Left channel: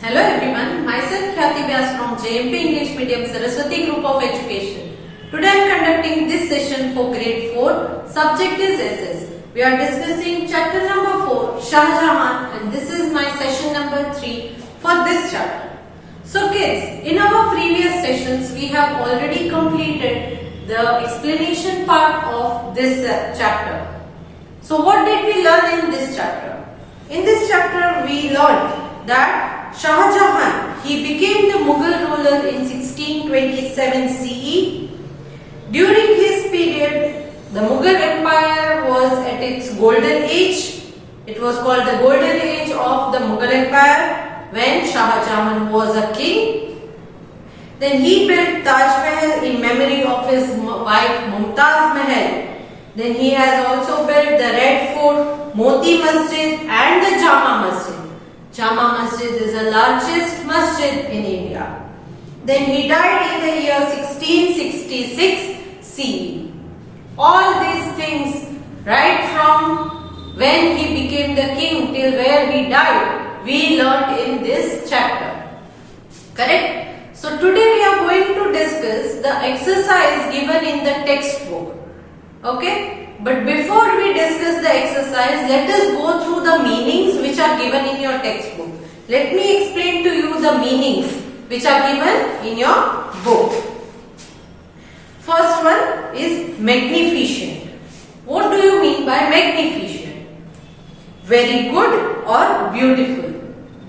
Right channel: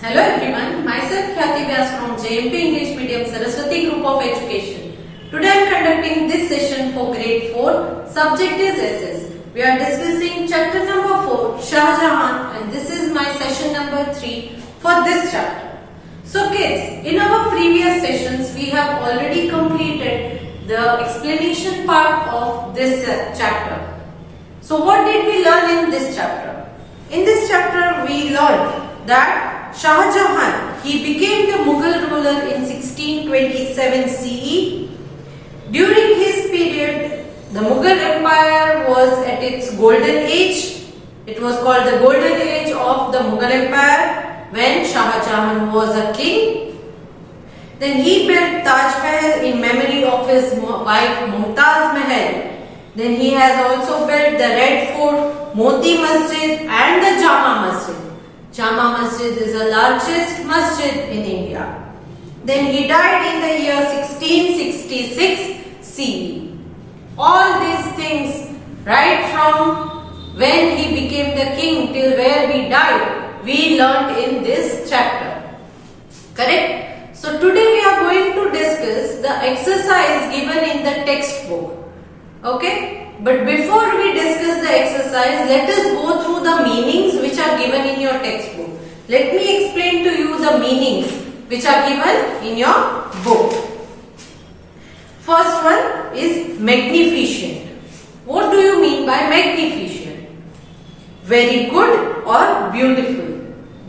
Hello everyone, myself Khyati Vyas from JMP English Medium Saraswati Group of Education. Today I am conducting this session for grade 4. Subject is SS. We are discussing chapter number 4, Shah Jahan, and this is my session number 3 for this chapter. So kids, in our previous sessions we have already completed the explanation part of this chapter. So what did we learn in this chapter? In this chapter we learned that Shah Jahan, he became the Mughal ruler in 1627 CE. During his period, the Mughal Empire was at its golden age. It was called the golden age of the Mughal Empire when Shah Jahan was a king. Then he built Taj Mahal in memory of his wife Mumtaz Mahal. Then he has also built the Red Fort, Moti Masjid and the Jama Masjid. Jama Masjid is the largest masjid in India. Then he died in the year 1666 CE. All these things, right from when he became the king till where he died, we learned in this chapter. Correct? So today we are going to discuss the exercise given in the textbook. Okay? But before we discuss the exercise, let us go through the meanings which are given in your textbook. Let me explain to you the meanings which are given in your book. First one is magnificent. What do you mean by magnificent? Very good or beautiful.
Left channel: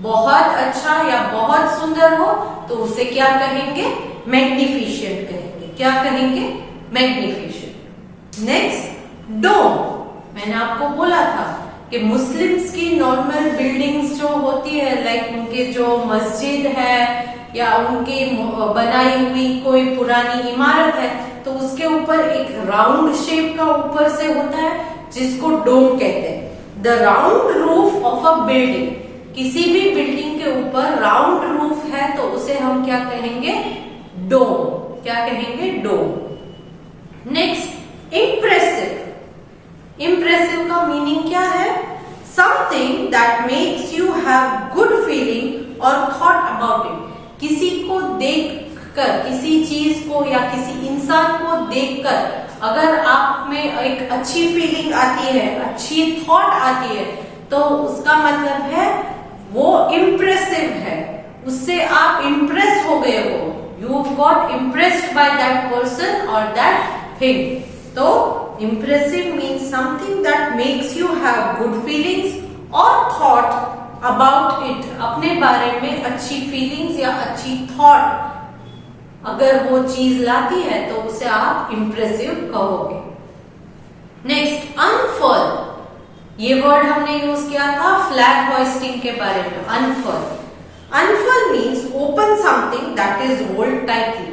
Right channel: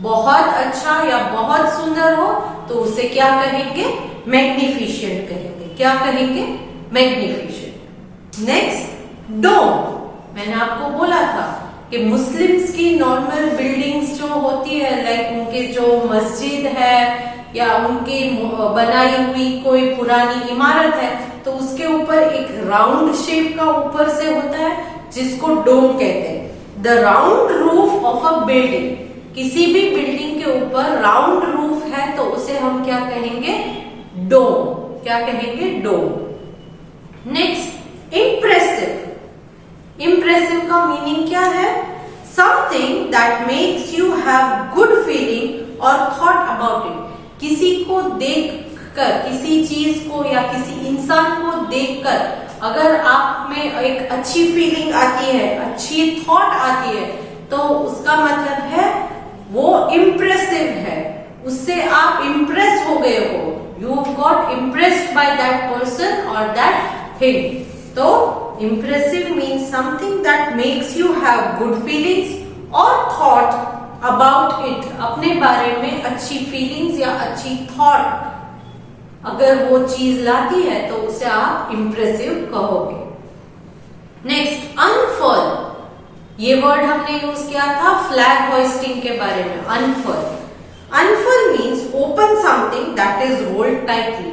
बहुत अच्छा या बहुत सुंदर हो तो उसे क्या कहेंगे? Magnificent कहेंगे. क्या कहेंगे? Magnificent. Next, डोम. मैंने आपको बोला था कि मुस्लिम्स की नॉर्मल बिल्डिंग्स जो होती है, लाइक उनके जो मस्जिद है या उनकी बनाई हुई कोई पुरानी इमारत है, तो उसके ऊपर एक राउंड शेप का ऊपर से होता है जिसको डोम कहते हैं. The round roof of a building. किसी भी बिल्डिंग के ऊपर राउंड रूफ है तो उसे हम क्या कहेंगे? डोम. क्या कहेंगे? डोम. Next, impressive. इम्प्रेसिव का मीनिंग क्या है? Something that makes you have good feeling और थॉट अबाउट इट. किसी को देखकर, किसी चीज को या किसी इंसान को देखकर अगर आप में एक अच्छी फीलिंग आती है, अच्छी थॉट आती है, तो उसका मतलब है वो इम्प्रेसिव है. उससे आप इम्प्रेस हो गए हो. You got impressed by that person और दैट थिंग. तो impressive means something that makes you have good feelings or thought about it. अपने बारे में अच्छी feelings या अच्छी thought अगर वो चीज लाती है तो उसे आप impressive कहोगे. Next, unfurl. ये वर्ड हमने यूज किया था फ्लैग होइस्टिंग के बारे में. unfurl. unfurl means open something that is rolled tightly.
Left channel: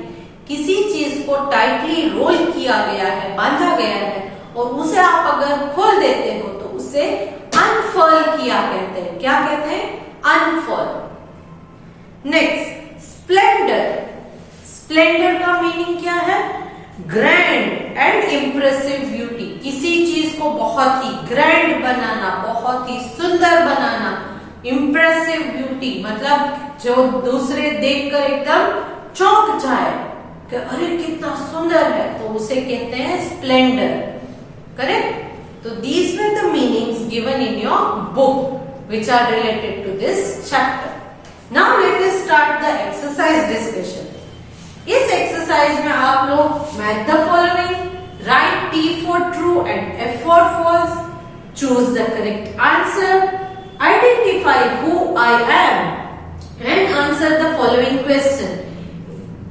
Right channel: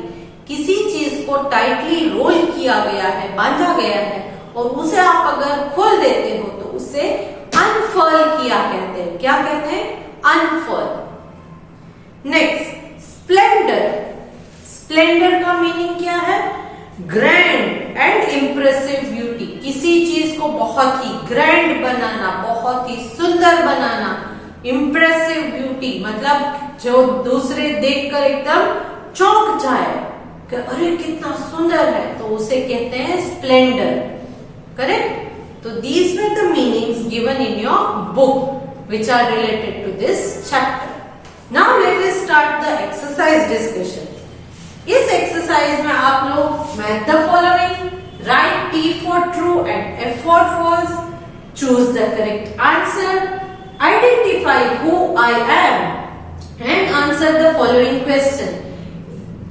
किसी चीज को टाइटली रोल किया गया है, बांधा गया है, और उसे आप अगर खोल देते हो तो उसे अनफर्ल किया कहते हैं. क्या कहते हैं? अनफर्ल. Next, splendour. स्प्लेंडर का मीनिंग क्या है? Grand and impressive beauty. किसी चीज को बहुत ही ग्रैंड बनाना, बहुत ही सुंदर बनाना. इम्प्रेसिव ब्यूटी मतलब जो दूसरे देखकर एकदम चौंक जाए कि अरे कितना सुंदर है, तो उसे कहते हैं स्प्लेंडर. करेक्ट? तो these were the meanings given in your book which are related to this chapter. Now let us start the exercise discussion. इस एक्सरसाइज में आप लोग match the following, right T for true and F for false, choose the correct answer, identify who I am and answer the following question.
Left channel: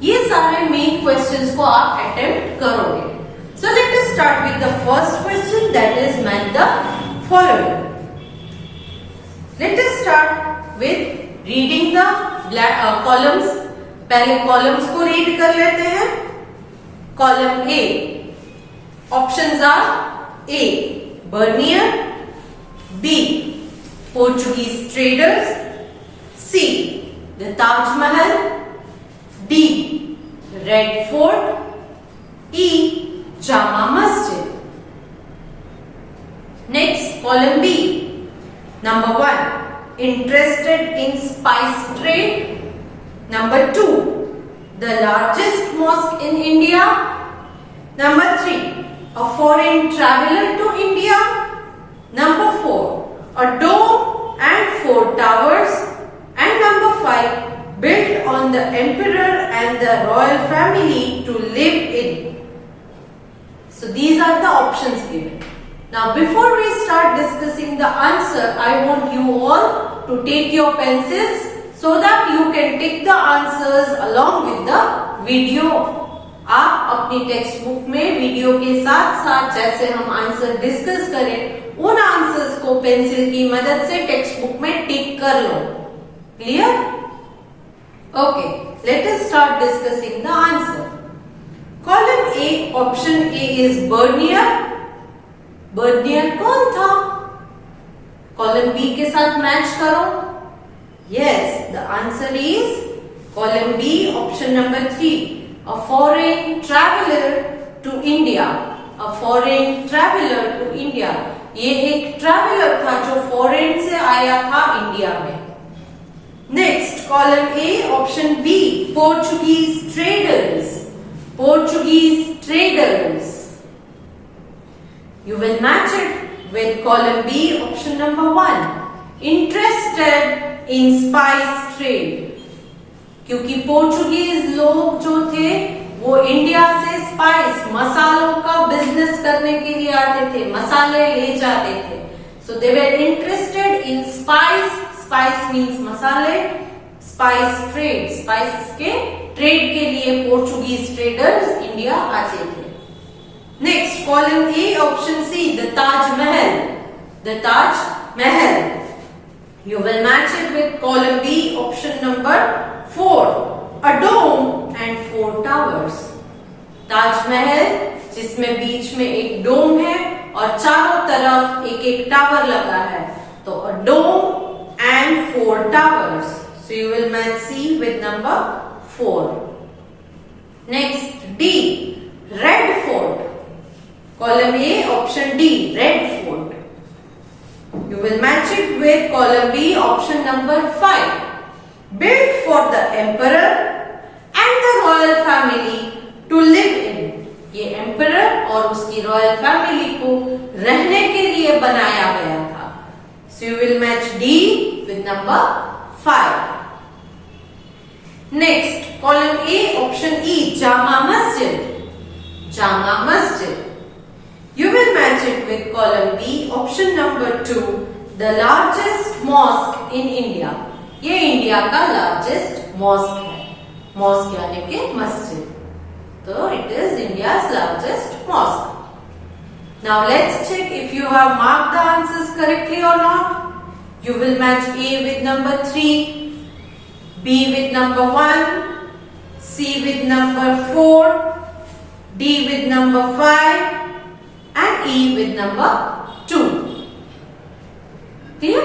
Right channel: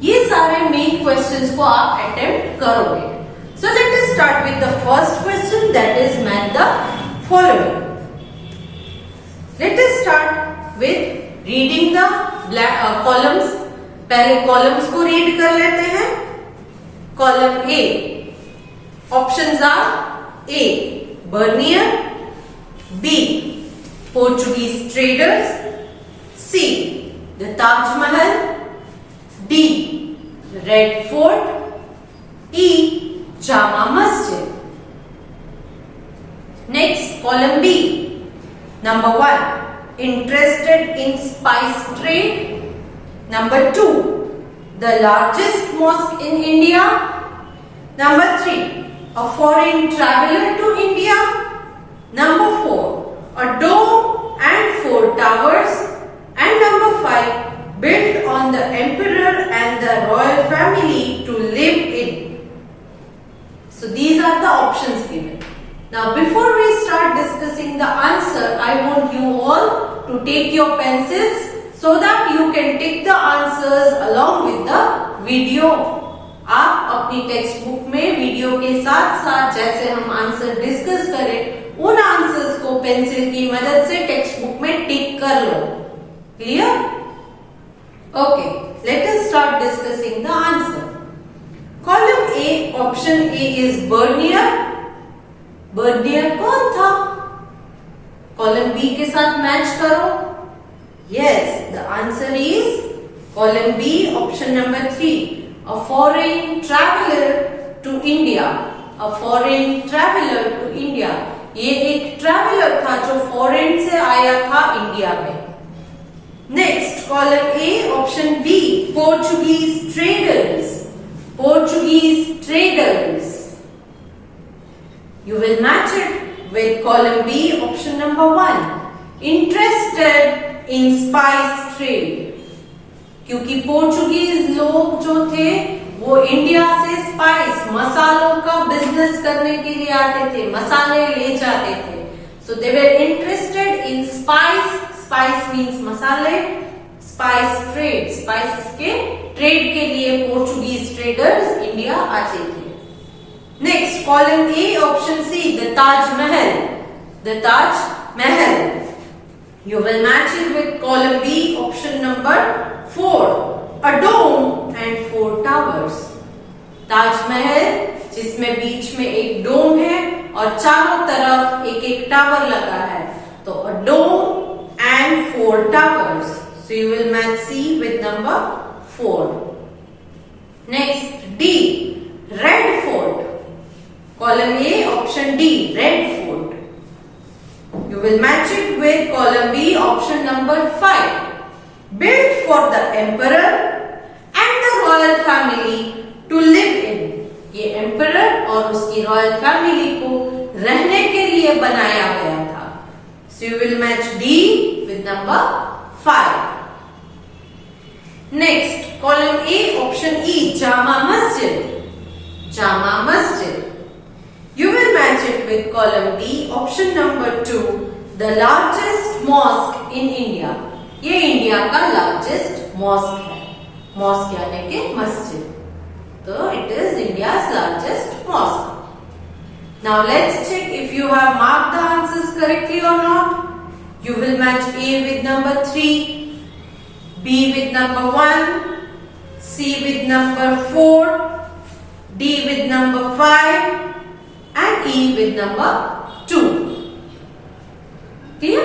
ये सारे main questions को आप attempt करोगे. So let us start with the first question, that is match the following. Let us start with reading the columns. पहले columns को read कर लेते हैं. Column A, options are A Bernier, B Portuguese traders, C the Taj Mahal, D Red Fort, E Jama Masjid. Next, column B, number 1 interested in spice trade? Number 2, the largest mosque in India? Number 3, a foreign traveler to India? Number 4, a dome and 4 towers? And number 5, built on the emperor and the royal family to live in. So these are the options given. Now before we start discussing the answer, I want you all to take your pencils so that you can tick the answers along with the video. आप अपनी text book में वीडियो के साथ साथ जैसे हम answer discuss करें उन आंसर्स को पेंसिल की मदद से टेक्स्ट बुक में टिक कर लो. Clear? Okay, let us start discussing the answer. Column A, option A is Bernier. Bernier कौन था? कॉलम बी के साथ मैच करो. Yes, the answer is column B, option number 3, a foreign traveler to India. A foreign traveler to India. ये एक ट्रैवलर था जो फॉरेन से आया था इंडिया में. Next, column A, option B, Portuguese traders. Portuguese traders. You will match it with column B, option number 1. Interested in spice trade. क्योंकि पोर्चुगीज लोग जो थे वो इंडिया से स्पाइस, मसालों का बिजनेस करने के लिए आते थे, मसाले ले जाते थे. So they were interested in spice. Spice means मसाले. स्पाइस ट्रेड, स्पाइसेस के ट्रेड के लिए पोर्चुगीज ट्रेडर्स इंडिया आते थे. Next, column A, option C, the Taj Mahal. The Taj Mahal. You will match it with column B, option number 4, a dome and 4 towers. ताजमहल जिसमें बीच में एक डोम है और चारों तरफ एक एक टावर लगा है, तो a dome and 4 towers. So you will match C with number 4. Next, D, Red Fort. Column A, option D, Red Fort. You will match it with column B, option number 5. Built for the emperor and the royal family to live in. ये emperor और उसकी royal family को रहने के लिए बनाया गया था. So you will match D with number 5. Next, column A, option E, Jama Masjid. Jama Masjid. You will match it with column B, option number 2, the largest mosque in India. ये इंडिया का largest mosque है. मॉस्क यानी कि मस्जिद. तो it is India's largest mosque. Now let's check if you have marked the answers correctly or not. You will match A with number 3, B with number 1, C with number 4, D with number 5, and E with number 2. Clear?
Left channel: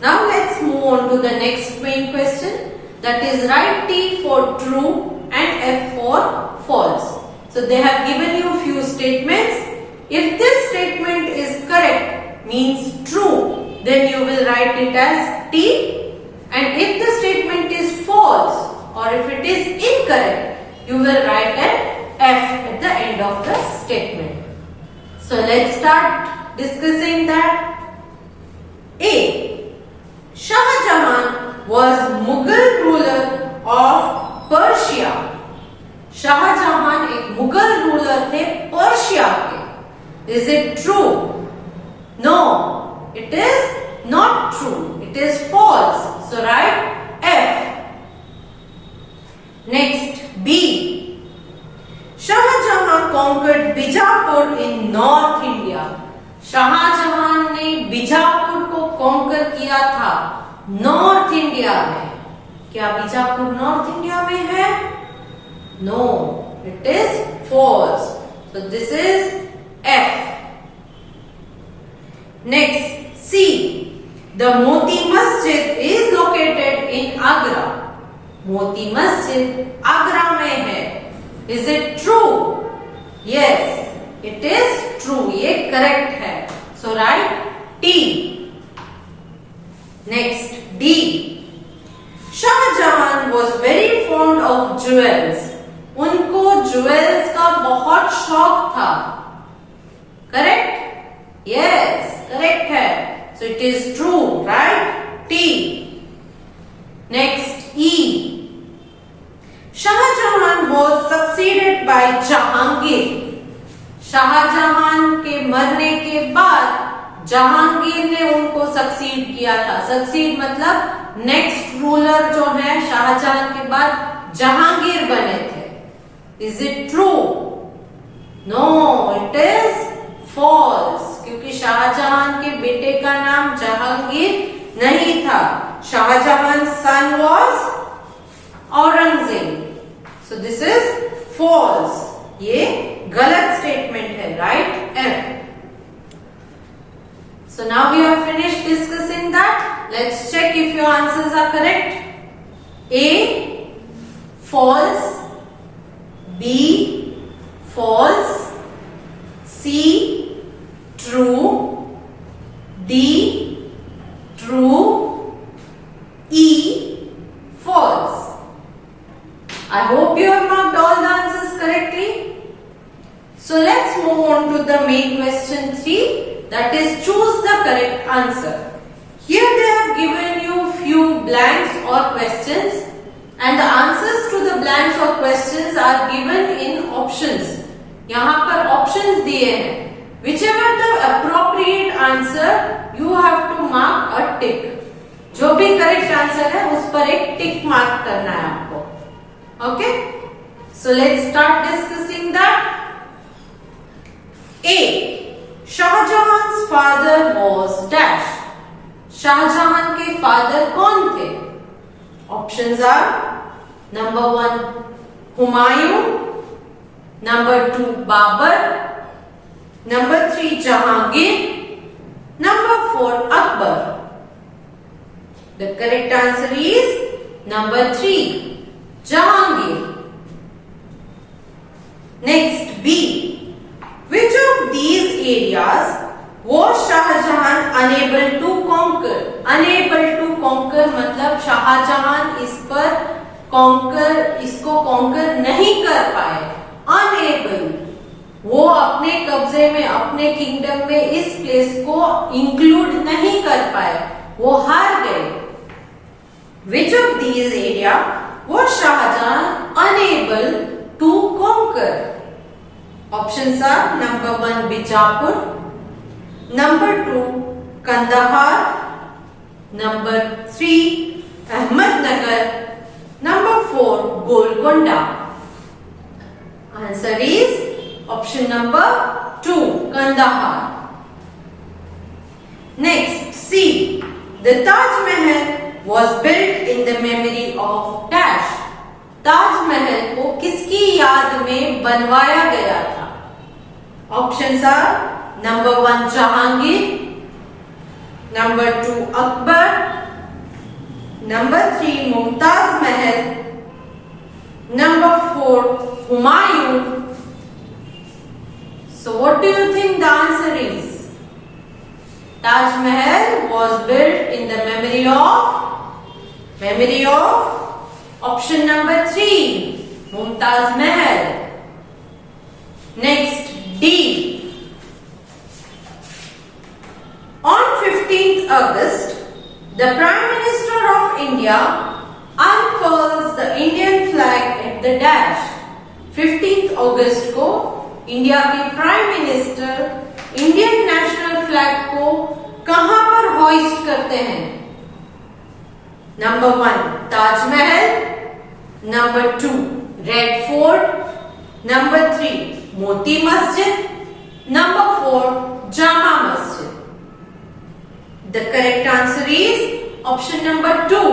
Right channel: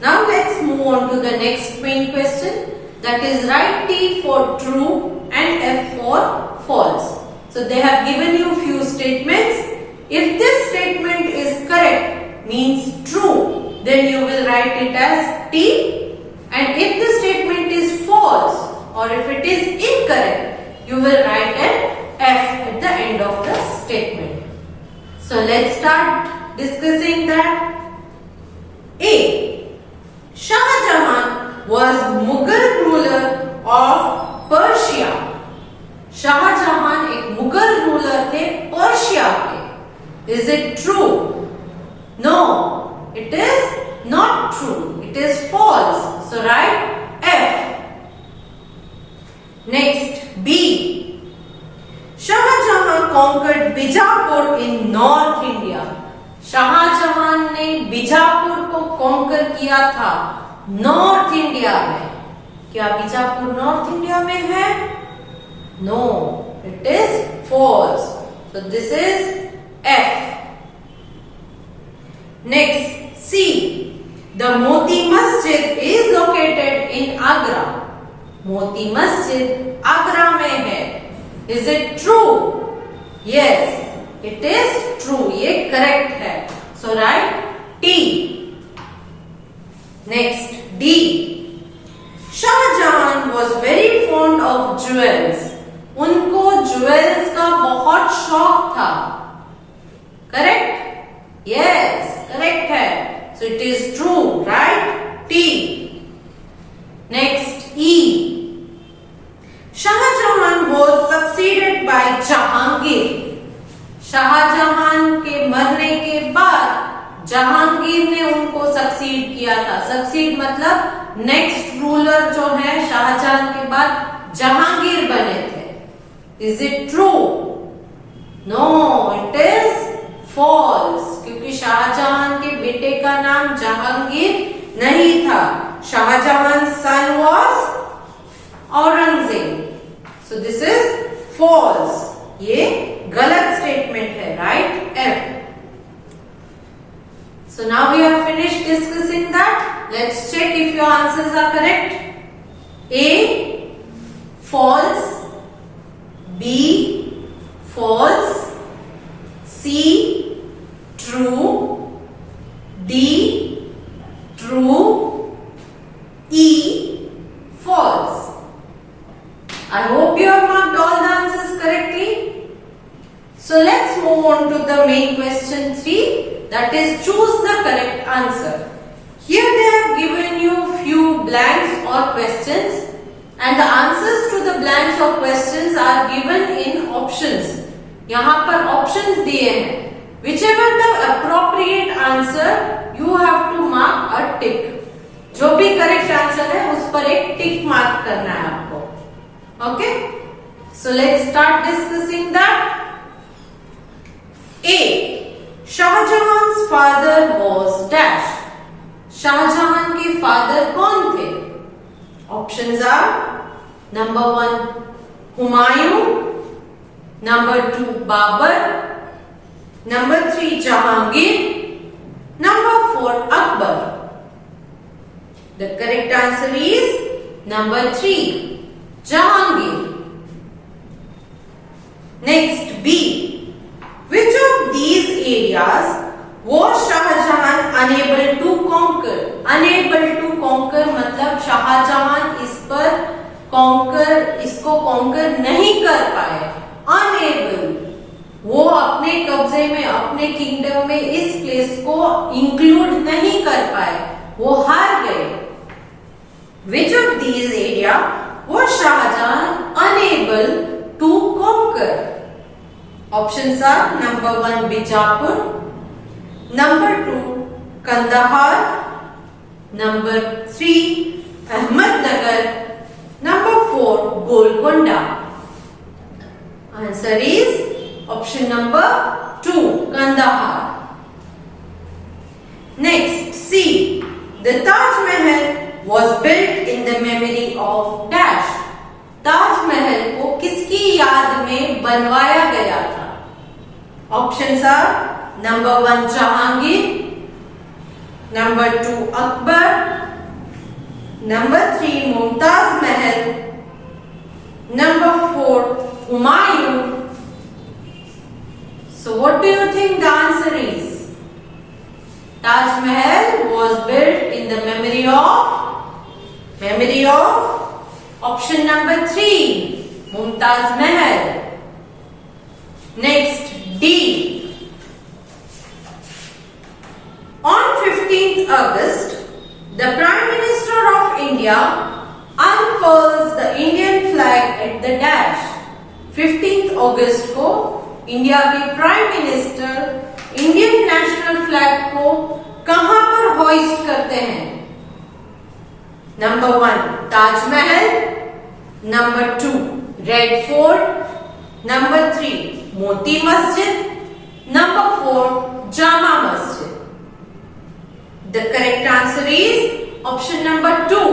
Now let's move on to the next main question, that is write T for true and F for false. So they have given you few statements. If this statement is correct, means true, then you will write it as T, and if the statement is false or if it is incorrect, you will write an F at the end of the statement. So let's start discussing that. A, Shah Jahan was Mughal ruler of Persia. Shah Jahan एक मुगल रूलर थे पर्शिया के. Is it true? No, it is not true. It is false. So write F. Next, B, Shah Jahan conquered Bijapur in North India. Shah Jahan ने बीजापुर को कॉन्कर किया था north India में. क्या Bijapur north India में है? No, it is false. So this is F. Next, C, the Moti Masjid is located in Agra. Moti मस्जिद आगरा में है. Is it true? Yes, it is true. ये करेक्ट है. So write T. Next, D. शाहजहां was very fond of jewels. उनको jewels का बहुत शौक था. Correct? Yes, correct है. So it is true, right? T. Next, E. Shahjahan was succeeded by Jahangir. शाहजहां के मरने के बाद जहांगीर ने उनको सक्सीड किया था. सक्सीड मतलब नेक्स्ट रूलर जो है शाहजहां के बाद जहांगीर बने थे. Is it true? No, it is false. क्योंकि शाहजहां के बेटे का नाम जहांगीर नहीं था. Shah Jahan son was Aurangzeb. So this is false. ये गलत स्टेटमेंट है. Right? F. So now we have finished discussing that. Let's check if your answers are correct. A, false. B, false. C, true. D, true. E, false. I hope you have marked all the answers correctly. So let's move on to the main question 3. That is, choose the correct answer. Here they have given you few blanks or questions, and the answers to the blanks or questions are given in options. यहाँ पर options दिए हैं. Whichever the appropriate answer, you have to mark a tick. जो भी correct answer है उस पर एक tick mark करना है आपको. Okay? So let's start discussing that. A. शाहजहां's father was dash. शाहजहां के फादर कौन थे? Options are number 1 Humayun, number 2 Babur, number 3 Jahangir, number 4 Akbar. The correct answer is number 3 Jahangir. Next, B. Which of these areas was Shahjahan unable to conquer? Unable to conquer मतलब शाहजहां इस पर इसको conquer नहीं कर पाए. Unable, वो अपने कब्जे में, अपने किंगडम में इस प्लेस को इंक्लूड नहीं कर पाए. वो हार गए. Which of these area was Shahjahan unable to conquer? Options are number 1 Bijapur, number 2 Kandahar, number 3 Ahmednagar, number 4 Golconda. Answer is option number 2 Kandahar. Next, C. The Taj Mahal was built in the memory of dash. Taj Mahal को किसकी याद में बनवाया गया था? Options are number 1 Jahangir, number 2 Akbar, number 3 Mumtaz Mahal, number 4 Humayun. So what do you think the answer is? Taj Mahal was built in the memory of option number 3 Mumtaz Mahal. Next, D. On 15th August, the Prime Minister of India unfurls the Indian flag at the dash. 15th August को India के prime minister Indian national flag को कहां पर hoist करते हैं? Number 1 Taj Mahal, number 2 Red Fort, number 3 Moti Masjid, number 4 Jama Masjid. The correct answer is option number 2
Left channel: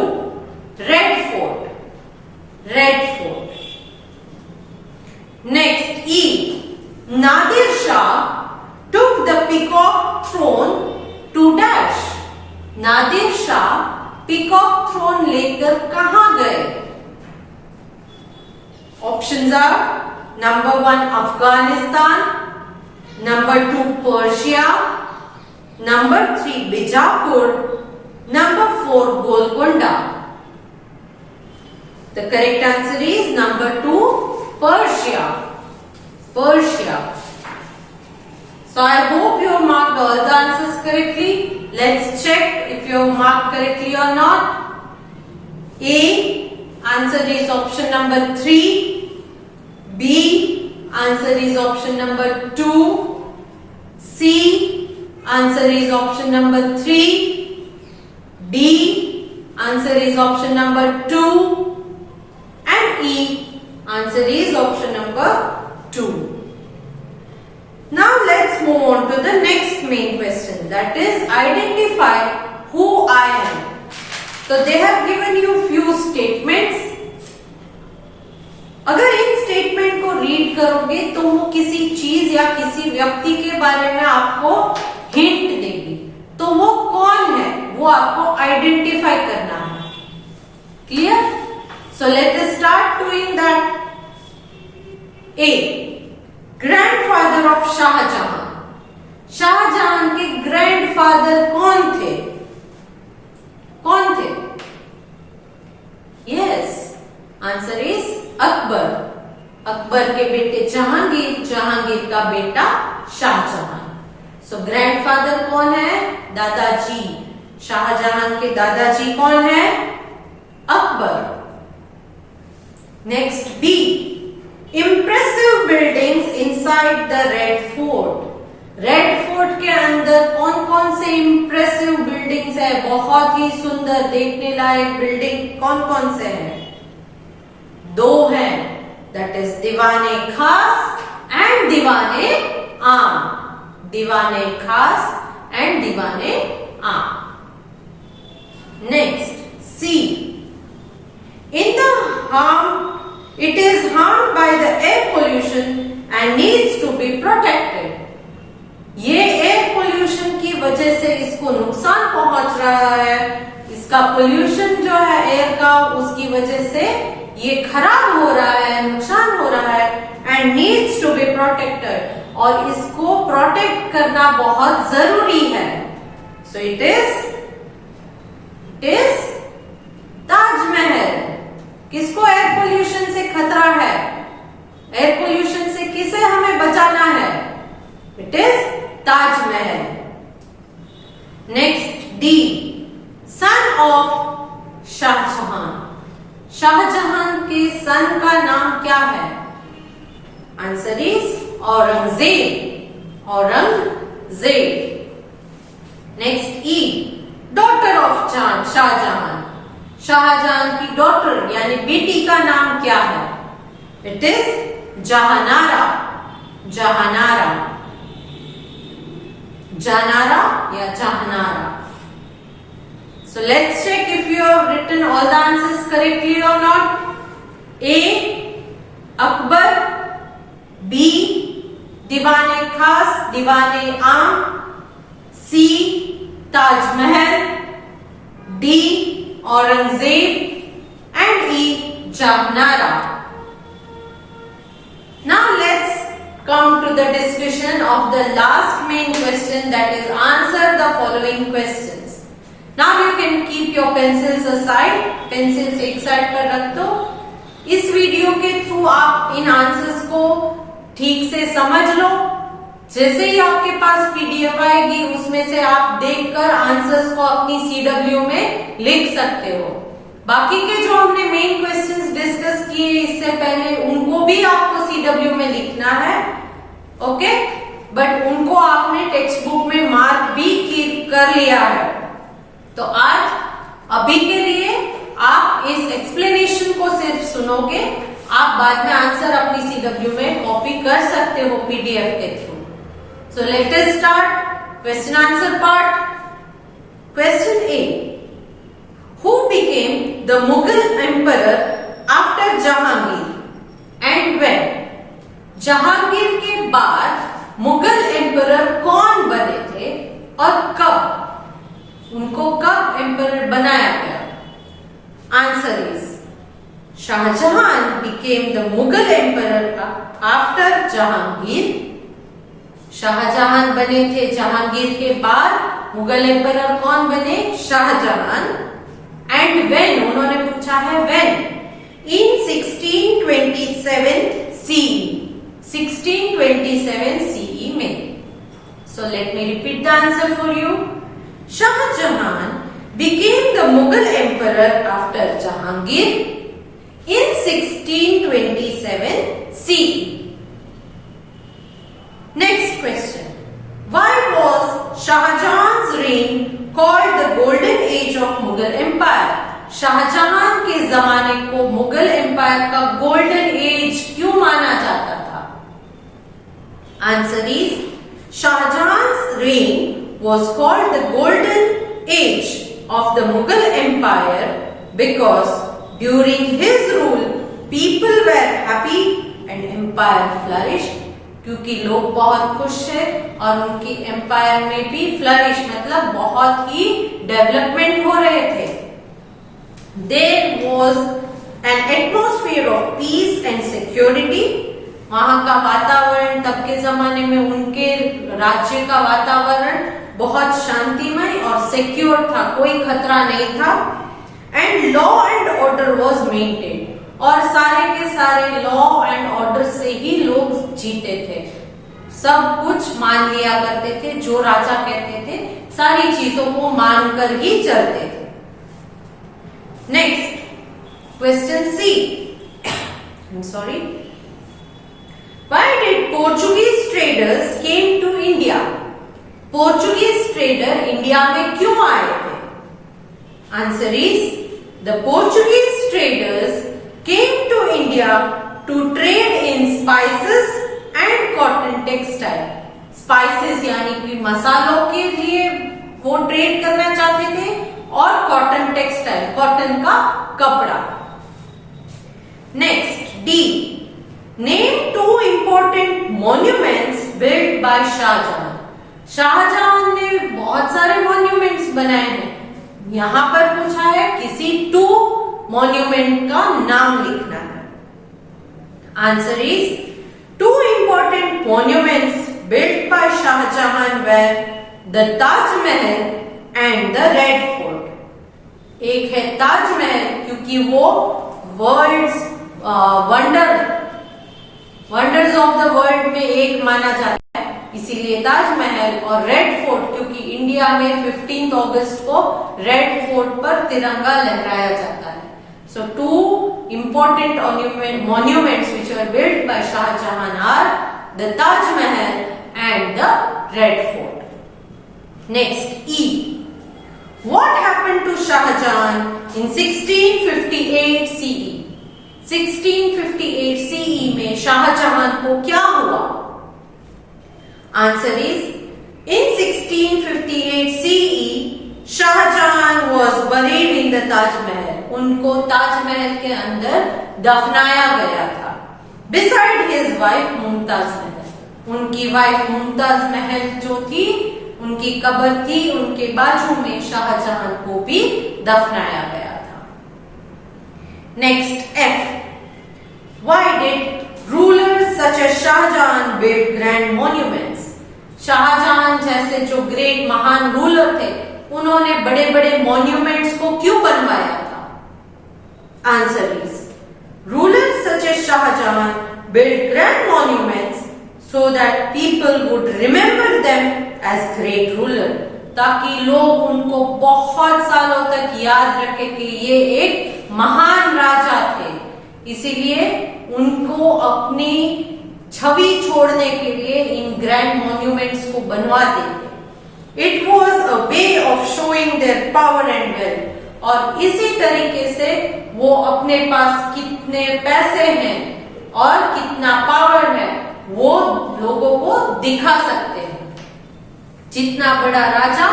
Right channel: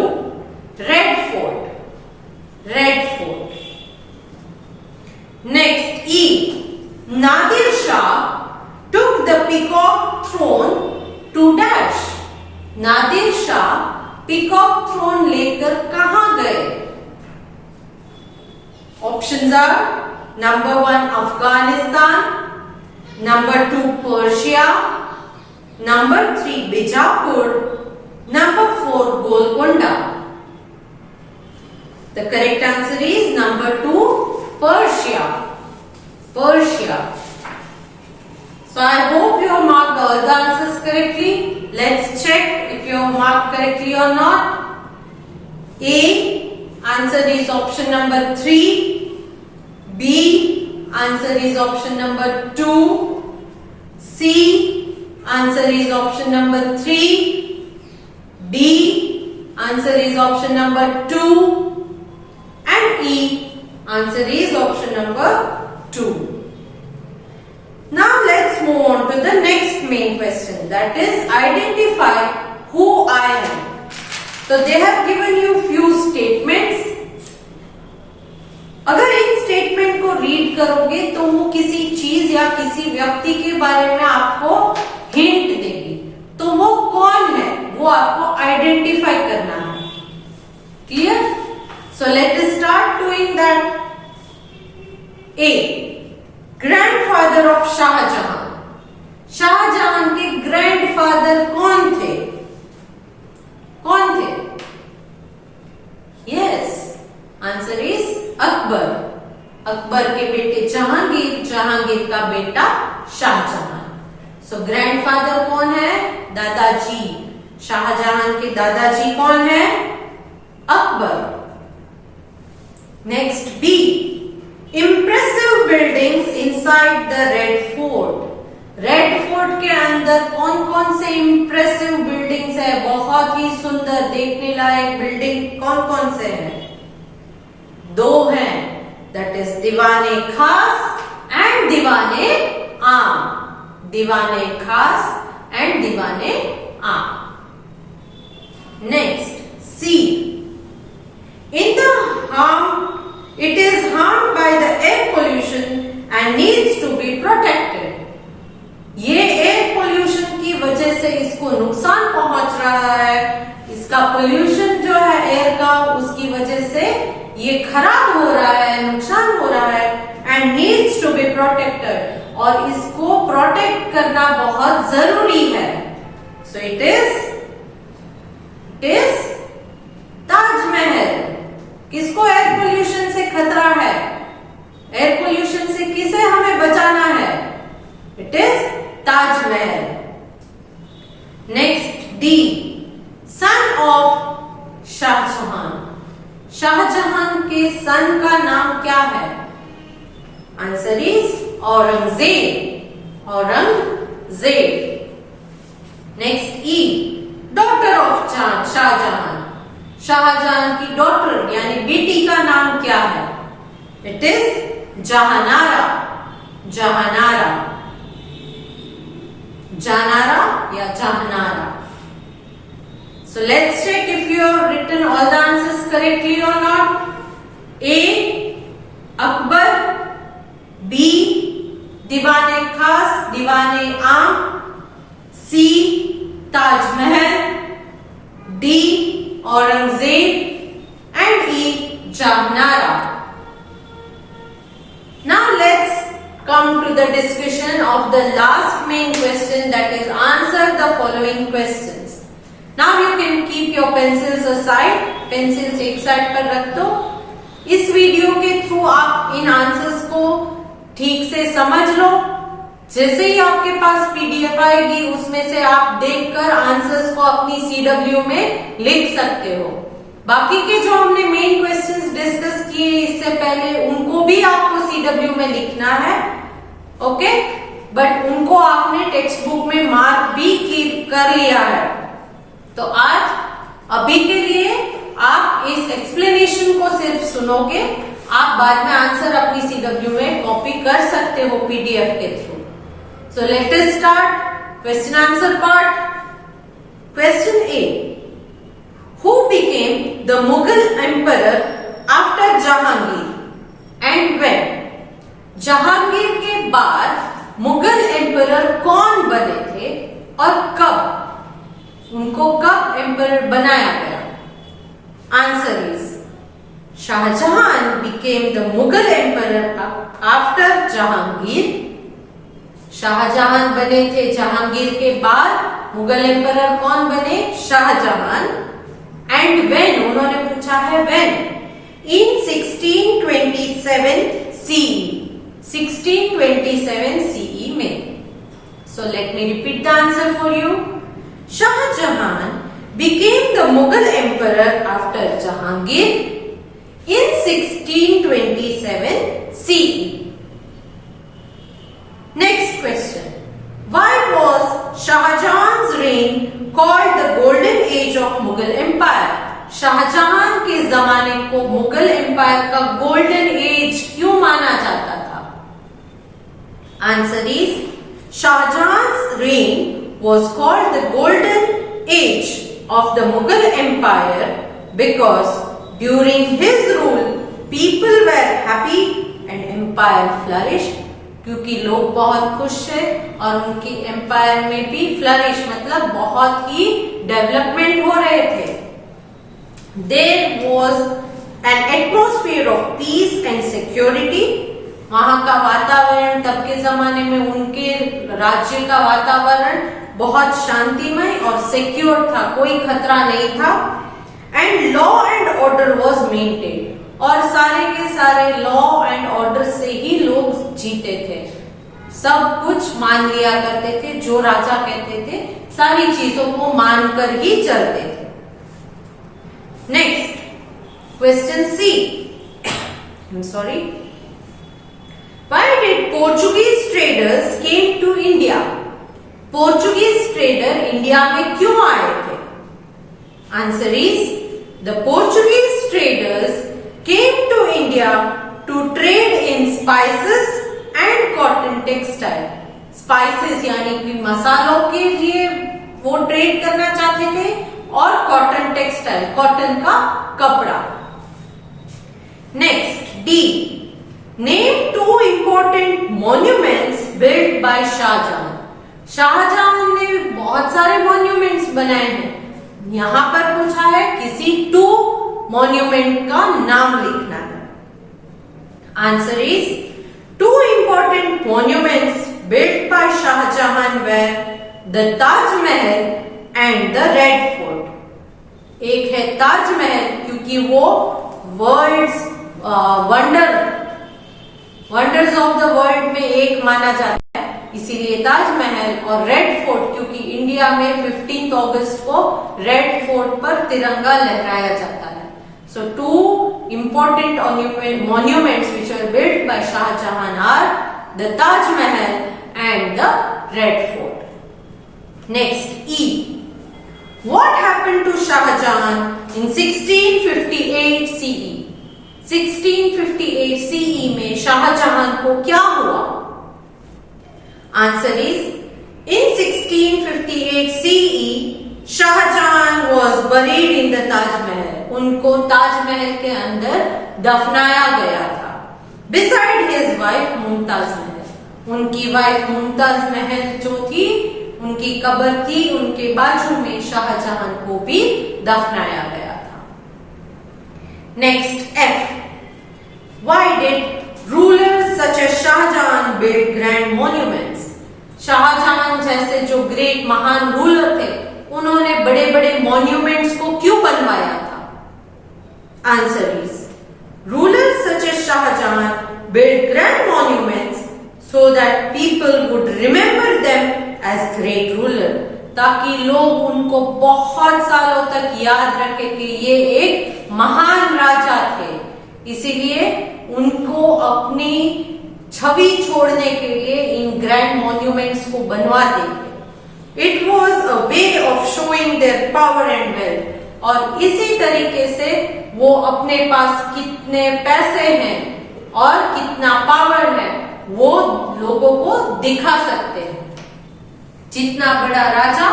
Red Fort. Red Fort. Next, E. Nadir Shah took the peacock throne to dash. Nadir Shah peacock throne लेकर कहां गए? Options are number 1 Afghanistan, number 2 Persia, number 3 Bijapur, Number 4, Golconda. The correct answer is number 2, Persia. Persia. So I hope you have marked all the answers correctly. Let's check if you have marked correctly or not. A, answer is option number 3. B, answer is option number 2. C, answer is option number 3. D, answer is option number 2. And E, answer is option number 2. Now let's move on to the next main question, that is identify who I am. So they have given you few statements. अगर इन स्टेटमेंट को रीड करोगे तो वो किसी चीज या किसी व्यक्ति के बारे में आपको हिंट देगी, तो वो कौन है वो आपको आइडेंटिफाई करना है. Clear? So let us start doing that. A, grandfather of Shah Jahan. Shah Jahan के ग्रैंडफादर कौन थे? कौन थे? Yes, answer is Akbar. Akbar के बेटे जहांगीर, जहांगीर का बेटा शाहजहां. सो ग्रैंडफादर कौन है? दादाजी. शाहजहां के दादाजी कौन है? Akbar. Next B, impressive buildings inside the Red Fort. Red Fort के अंदर कौन कौन से इम्प्रेसिव बिल्डिंग्स है, बहुत ही सुंदर देखने लायक बिल्डिंग कौन कौन से हैं? 2 हैं, दैट इज दीवाने खास एंड दीवाने आम. दीवाने खास and Diwan-e Aam. Next C, in the harm it is harmed by the air pollution and needs to be protected. ये एयर पोल्यूशन की वजह से इसको नुकसान पहुंच रहा है. इसका पोल्यूशन जो है एयर का, उसकी वजह से ये खराब हो रहा है, नुकसान हो रहा है. And needs to be protected, और इसको प्रोटेक्ट करना बहुत जरूरी है. So it is Taj Mahal. किसको एयर पोल्यूशन से खतरा है? एयर पोल्यूशन से किसे हमें बचाना है? It is Taj Mahal. Next D, son of Shah Jahan. Shah Jahan के सन का नाम क्या है? Answer is Aurangzeb. Aurangzeb. Next E, daughter of Shah Jahan. Shah Jahan की डॉटर यानी बेटी का नाम क्या है? It is Jahanara. जहानारा. जहानारा या Jahanara. So let's check if you have written all the answers correctly और not. A, Akbar. B, Diwane Khas Diwane Aam. C, Taj Mahal. D, Aurangzeb. And E, Jahanara. Now let's come to the discussion of the last main question, that is answer the following questions. Now you can keep your pencils aside. Pencils एक साइड पर रख दो. इस वीडियो के थ्रू आप इन आंसर्स को ठीक से समझ लो. जैसे ही आपके पास पीडीएफ आएगी उसमें से आप देखकर आंसर्स को अपनी सीडब्ल्यू में लिख सकते हो. बाकी के जो हमने मेन क्वेश्चंस डिस्कस किए इससे पहले, उनको भी आपको सीडब्ल्यू में लिखना है. ओके, बट उनको आपने टेक्स्ट बुक में मार्क भी कर लिया है. तो आज अभी के लिए आप इस एक्सप्लेनेशन को सिर्फ सुनोगे. आप बाद में आंसर अपनी सीडब्ल्यू में कॉपी कर सकते हो पीडीएफ के थ्रू. सो let us start question answer part. Question A, who became the Mughal emperor after Jahangir and when? Jahangir के बाद मुगल एम्परर कौन बने थे और कब? उनको कब एम्परर बनाया गया? Answer is Shah Jahan became the Mughal emperor after Jahangir. Shah Jahan बने थे जहांगीर के बाद मुगल एम्परर कौन बने? शाहजहां। एंड व्हेन, उन्होंने पूछा है व्हेन, इन 1627 CE, 1627 CE में। So let me repeat the answer for you. Shah Jahan became the Mughal emperor after Jahangir in 1627 CE. Next question. Why was Shah Jahan's reign called the Golden Age of Mughal Empire? Shah Jahan के जमाने को Mughal empire का golden age क्यों माना जाता था? Answer is, Shahjahan's reign was called the golden age of the Mughal Empire because during his rule people were happy and empire flourished. क्योंकि लोग बहुत खुश थे और उनकी एम्पायर में भी फ्लरिश मतलब बहुत ही डेवलपमेंट हो रहे थे। There was an atmosphere of peace and security. वहां का वातावरण, तब के जमाने में उनके राज्य का वातावरण बहुत शांतिमय और सिक्योर था, कोई खतरा नहीं था। And law and order was maintain, और सारे के सारे लॉ एंड ऑर्डर से ही लोग जीते थे, सब कुछ मान लिया करते थे, जो राजा कहते थे सारी चीजों को मानकर ही चलते थे। Next question C, sorry, Why did Portuguese traders came to India? Portuguese trader India में क्यों आए थे? Answer is, the Portuguese traders came to India to trade in spices and cotton textile. Spices यानी कि मसालों के लिए वो ट्रेड करना चाहते थे, और कॉटन टेक्सटाइल, कॉटन का कपड़ा। Next D, name two important monuments built by Shah Jahan. Shah Jahan ने बहुत सारे मॉन्यूमेंट्स बनाए हैं, यहां पर पूछा है किसी 2 मॉन्यूमेंट का नाम लिखना है। Answer is, 2 important monuments built by Shah Jahan were the Taj Mahal and the Red Fort. एक है ताजमहल, क्योंकि वो world's wonders of the world में एक माना जाता है, इसीलिए ताजमहल। और रेड फोर्ट, क्योंकि इंडिया में 15 अगस्त को रेड फोर्ट पर तिरंगा लहराया जाता है। So 2 important monuments which are built by Shah Jahan are the Taj Mahal and the Red Fort. Next E, what happened to Shah Jahan in 1658 CE? 1658 CE में शाहजहां को क्या हुआ? Answer is, in 1658 CE Shah Jahan was buried in the Taj Mahal. उनको ताजमहल के अंदर दफनाया गया था, बिसाइड हिज वाइफ मुमताज महल। उनकी वाइफ मुमताज महल जो थी, उनकी कब्र थी, उनके बाजू में शाहजहां को भी दफनाया गया था। Next F, why did rulers such as Shah Jahan build grand monuments? Shah Jahan जैसे जो ग्रेट महान रूलर थे, उन्होंने बड़े बड़े मॉन्यूमेंट्स को क्यों बनवाया था? Answer is, rulers such as Shah Jahan build grand monuments so that people would remember them as great ruler, ताकि लोग उनको बहुत सालों तक याद रखे कि ये एक महान राजा थे। इसीलिए उनको अपनी छवि छोड़ने के लिए इन ग्रैंड मॉन्यूमेंट्स को बनवाते थे। It was a way of showing their power and wealth, और इसी तरीके से वो अपने पास कितने पैसे हैं और कितना पावर है वो लोगों को दिखा सकते हैं। जितना बड़ा राजा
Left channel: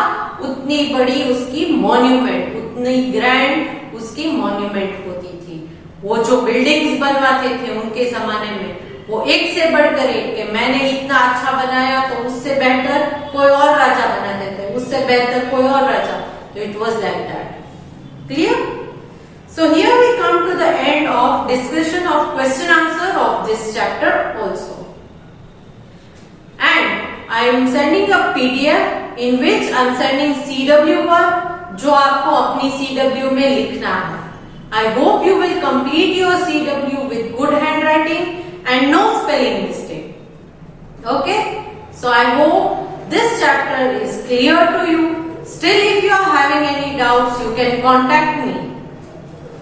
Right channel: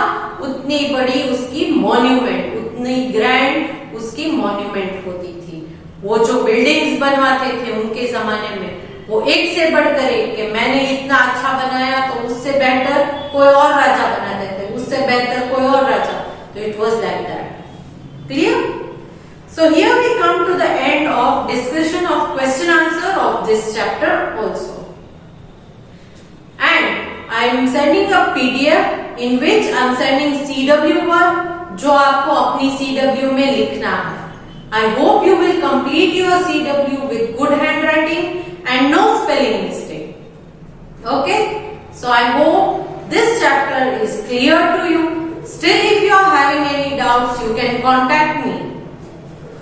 उतनी बड़ी उसकी मॉन्यूमेंट, उतनी ग्रैंड उसकी मॉन्यूमेंट होती थी। वो जो बिल्डिंग्स बनवाते थे उनके जमाने में, वो एक से बढ़कर एक, कि मैंने इतना अच्छा बनाया तो उससे बेहतर कोई और राजा बना देते, उससे बेहतर कोई और राजा। तो it was like that. Clear? So here we come to the end of discussion of question answer of this chapter also. And I am sending a PDF in which I'm sending CW work जो आपको अपनी CW में लिखना है. I hope you will complete your CW with good handwriting and no spelling mistake. Okay? So I hope this chapter is clear to you. Still, if you are having any doubts, you can contact me.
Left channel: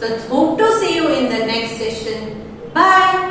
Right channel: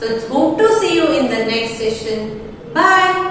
So hope to see you in the next session. Bye.